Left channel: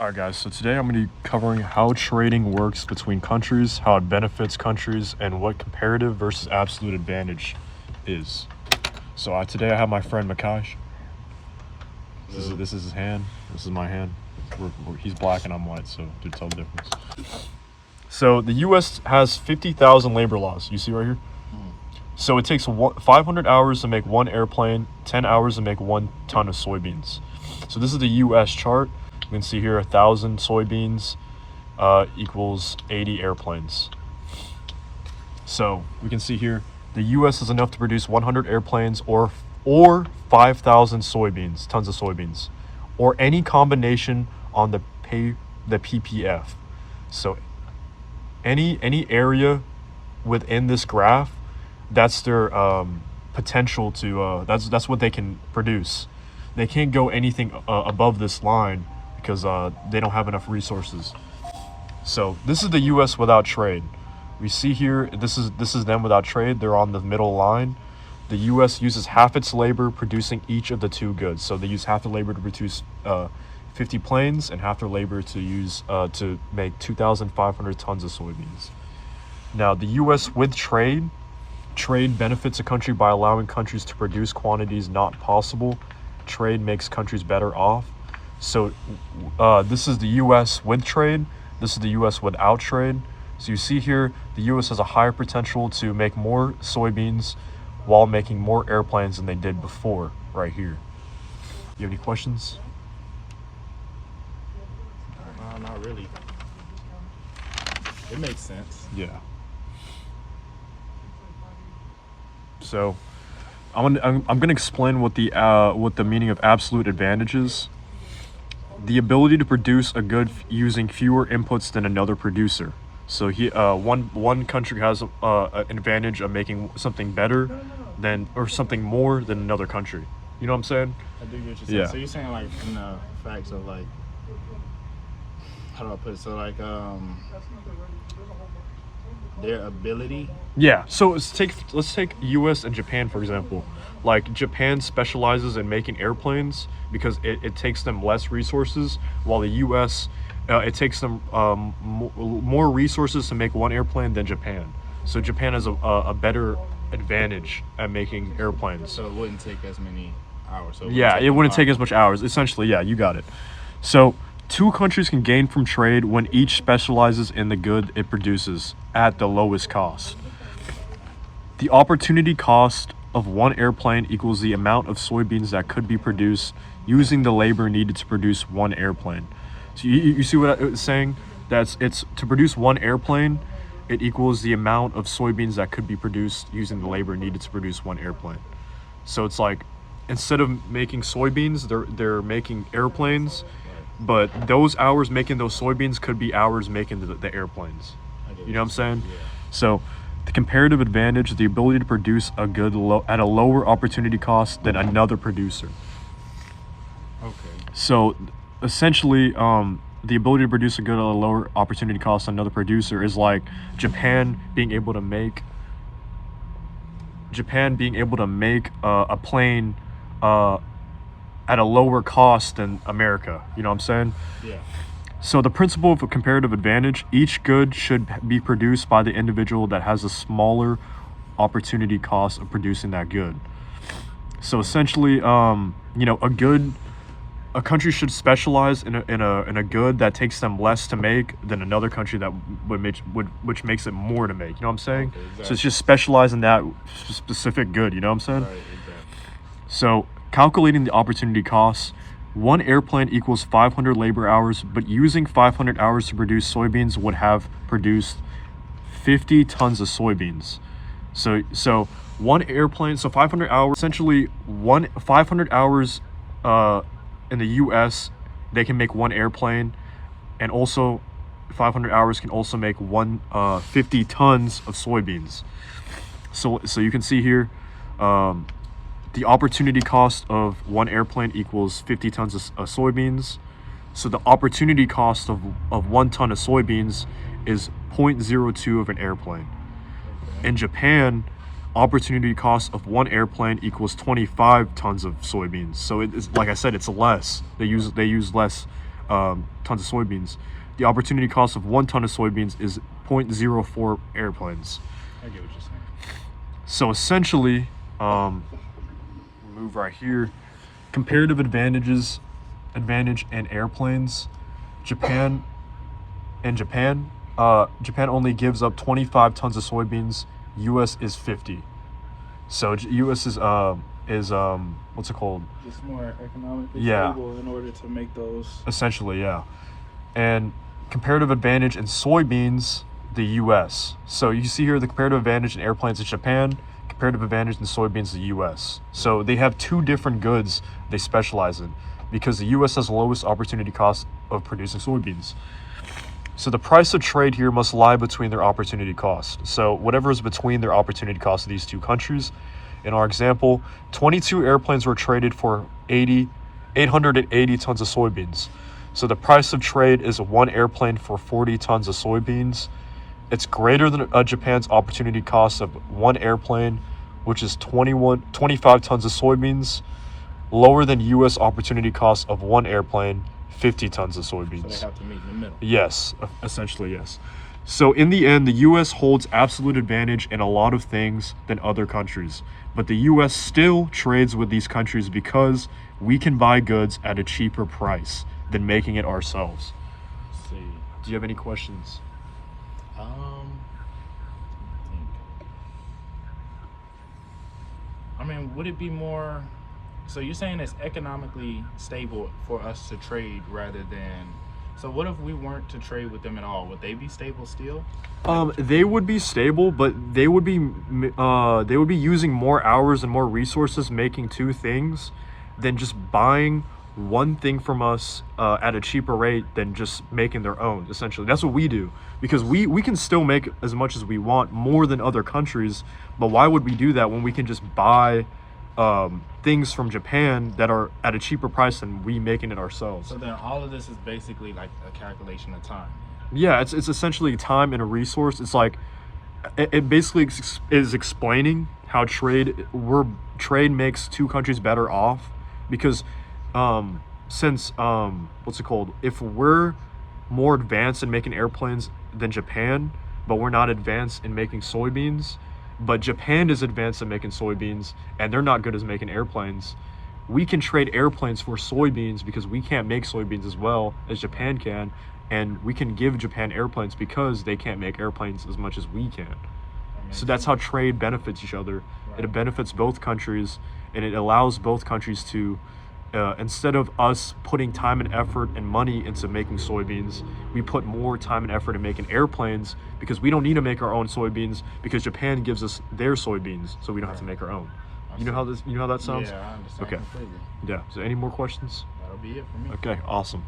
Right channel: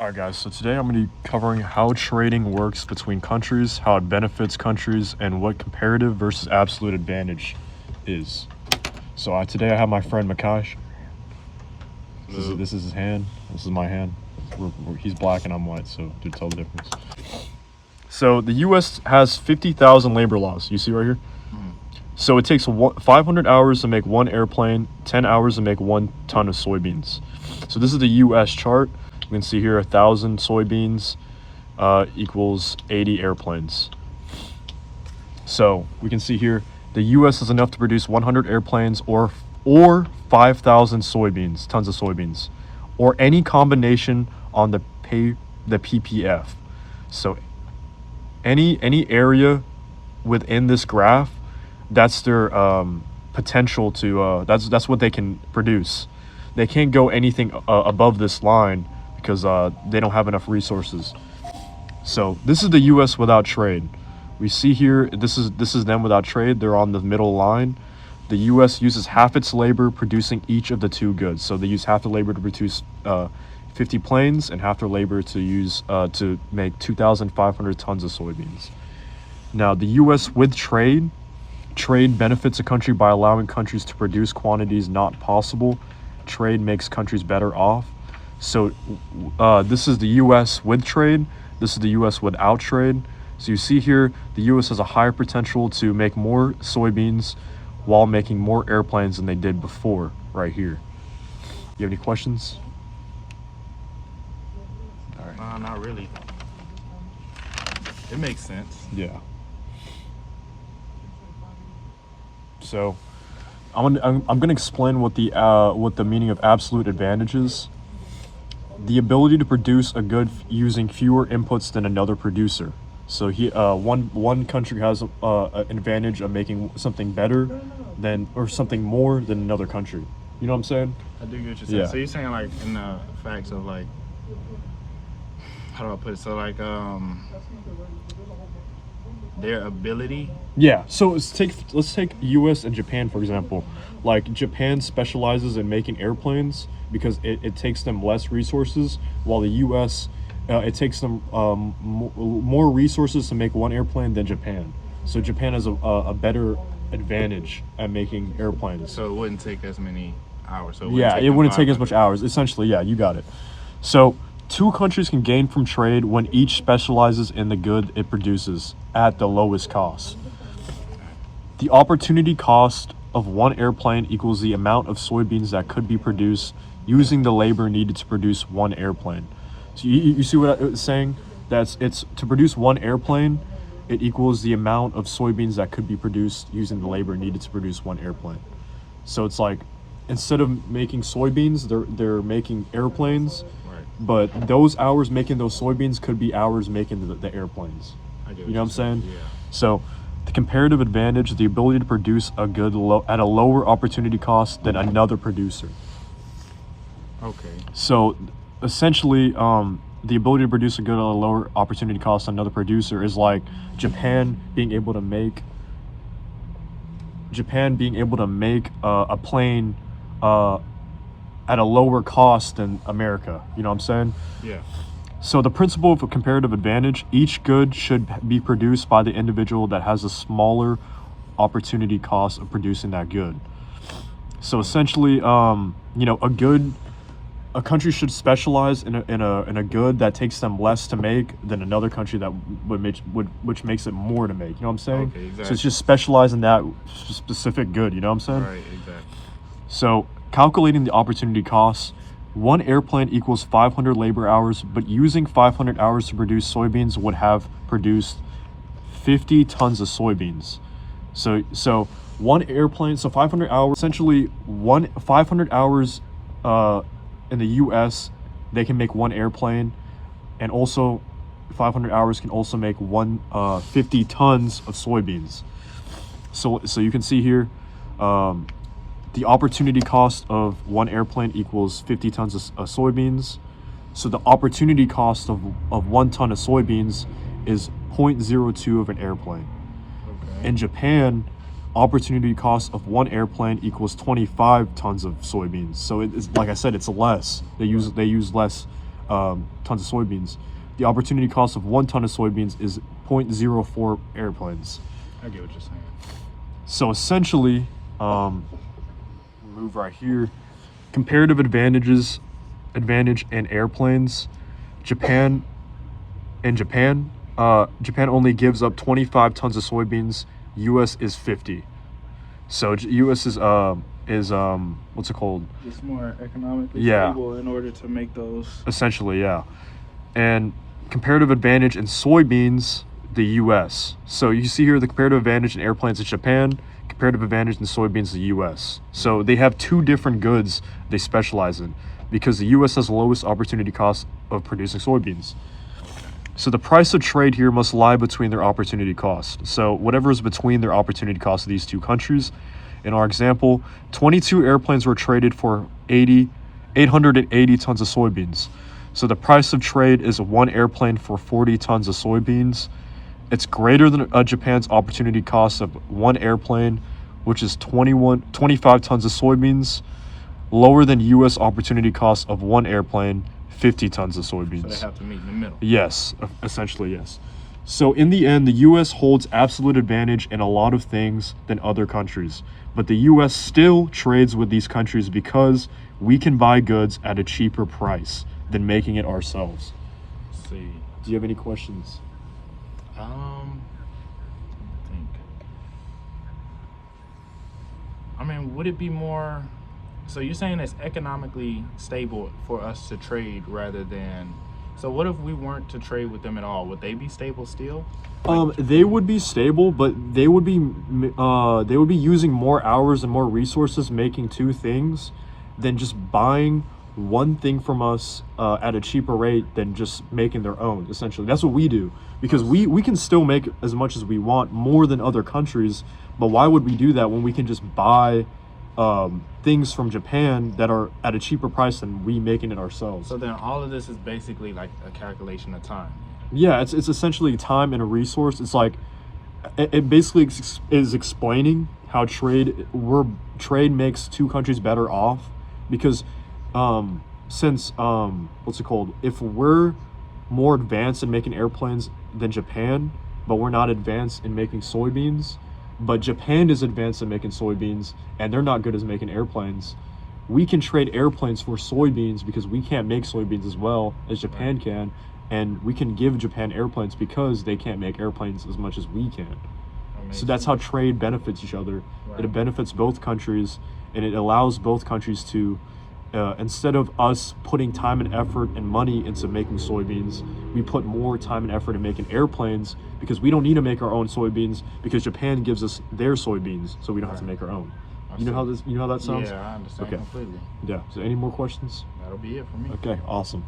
Alright guys, so today I'm going to be covering how trading works between countries, how it benefits countries, and what comparative versus absolute advantage is. So today I have my friend Makash. This is his hand, this is my hand. He's black and I'm white, so to tell the difference. So the US has 50,000 labor laws, you see right here? So it takes 500 hours to make one airplane, 10 hours to make 1 ton of soybeans. So this is the US chart. You can see here 1,000 soybeans equals 80 airplanes. So we can see here the US is enough to produce 100 airplanes or 5,000 soybeans, tons of soybeans, or any combination on the PPF. So any area within this graph, that's their potential to that's what they can produce. They can't go anything above this line because they don't have enough resources. So this is the US without trade. We see here this is them without trade. They're on the middle line. The US uses half its labor producing each of the two goods. So they use half the labor to produce 50 planes and half their labor to use to make 2,500 tons of soybeans. Now the US with trade benefits a country by allowing countries to produce quantities not possible. Trade makes countries better off. So this is the US with trade, this is the US without trade. So you see here the US has a higher potential to make more soybeans while making more airplanes than they did before, right here. You have any questions? Not really. It makes sense. Yeah. So I'm gonna explain what the meaning of absolute advantage is. The ability to produce a good using fewer inputs than another producer. So one country has an advantage of making something better than or something more than another country. You know what I'm saying? I do get what you're saying. Yeah. So you're saying like in the facts of like, how do I put it? So like their ability. Yeah. So let's take U.S. and Japan for example. Like Japan specializes in making airplanes because it takes them less resources, while the U.S. It takes them more resources to make one airplane than Japan. So Japan has a better advantage at making airplanes. So it wouldn't take as many hours. So It wouldn't take as much hours. Essentially, yeah, you got it. So two countries can gain from trade when each specializes in the good it produces at the lowest cost. The opportunity cost of one airplane equals the amount of soybeans that could be produced using the labor needed to produce one airplane. So you see what I was saying? It's to produce one airplane, it equals the amount of soybeans that could be produced using the labor needed to produce one airplane. So it's like instead of making soybeans, they're making airplanes, but those hours making those soybeans could be hours making the airplanes. You know what I'm saying? Yeah. So the comparative advantage, the ability to produce a good at a lower opportunity cost than another producer. Okay. So essentially, the ability to produce a good at a lower opportunity cost than another producer is like Japan being able to make a plane at a lower cost than America. You know what I'm saying? Yeah. So the principle of a comparative advantage, each good should be produced by the individual that has a smaller opportunity cost of producing that good. So essentially, a country should specialize in a good that takes them less to make than another country that which makes it more to make. You know what I'm saying? Okay, exactly. So it's just specialize in that specific good. You know what I'm saying? Right. Exactly. So calculating the opportunity costs, one airplane equals 500 labor hours, but using 500 hours to produce soybeans would have produced 50 tons of soybeans. So one airplane, so 500 hours, essentially 500 hours in the US, they can make one airplane, and also 500 hours can also make 50 tons of soybeans. So you can see here, the opportunity cost of one airplane equals 50 tons of soybeans. So the opportunity cost of 1 ton of soybeans is 0.02 of an airplane. In Japan, opportunity cost of one airplane equals 25 tons of soybeans. So it's like I said, it's less. They use less tons of soybeans. The opportunity cost of 1 ton of soybeans is 0.04 airplanes. I get what you're saying. So essentially, move right here, comparative advantage in airplanes. Japan only gives up 25 tons of soybeans. US is 50. So US is what's it called? It's more economically Yeah. stable in order to make those. Essentially, yeah. And comparative advantage in soybeans, the US. So you see here the comparative advantage in airplanes is Japan, comparative advantage in soybeans, the US. So they have two different goods they specialize in because the US has the lowest opportunity cost of producing soybeans. So the price of trade here must lie between their opportunity costs. So whatever is between their opportunity costs of these two countries. In our example, 22 airplanes were traded for 880 tons of soybeans. So the price of trade is 1 airplane for 40 tons of soybeans. It's greater than Japan's opportunity cost of 1 airplane, which is 25 tons of soybeans. Lower than US opportunity cost of 1 airplane, 50 tons of soybeans. So they have to meet in the middle. Yes, essentially, yes. So in the end, the US holds absolute advantage in a lot of things than other countries. But the US still trades with these countries because we can buy goods at a cheaper price than making it ourselves. Let's see. Do you have any questions? I think. I mean, would it be more? So you're saying it's economically stable for us to trade rather than. So what if we weren't to trade with them at all? Would they be stable still? They would be stable, but they would be using more hours and more resources making two things than just buying one thing from us at a cheaper rate than just making their own. Essentially, that's what we do because we can still make as much as we want, more than other countries. But why would we do that when we can just buy things from Japan that are at a cheaper price than we making it ourselves? So then all of this is basically like a calculation of time. Yeah, it's essentially time and a resource. It's like it basically is explaining how trade makes two countries better off because since what's it called? If we're more advanced in making airplanes than Japan, but we're not advanced in making soybeans, but Japan is advanced in making soybeans and they're not good as making airplanes, we can trade airplanes for soybeans because we can't make soybeans as well as Japan can, and we can give Japan airplanes because they can't make airplanes as much as we can. So that's how trade benefits each other. It benefits both countries, and it allows both countries to instead of us putting time and effort and money into making soybeans, we put more time and effort in making airplanes because we don't need to make our own soybeans because Japan gives us their soybeans, so we don't have to make our own. You know how that sounds? Yeah, I understand Okay. completely. Yeah. So any more questions? That'll be it for me. Okay, awesome.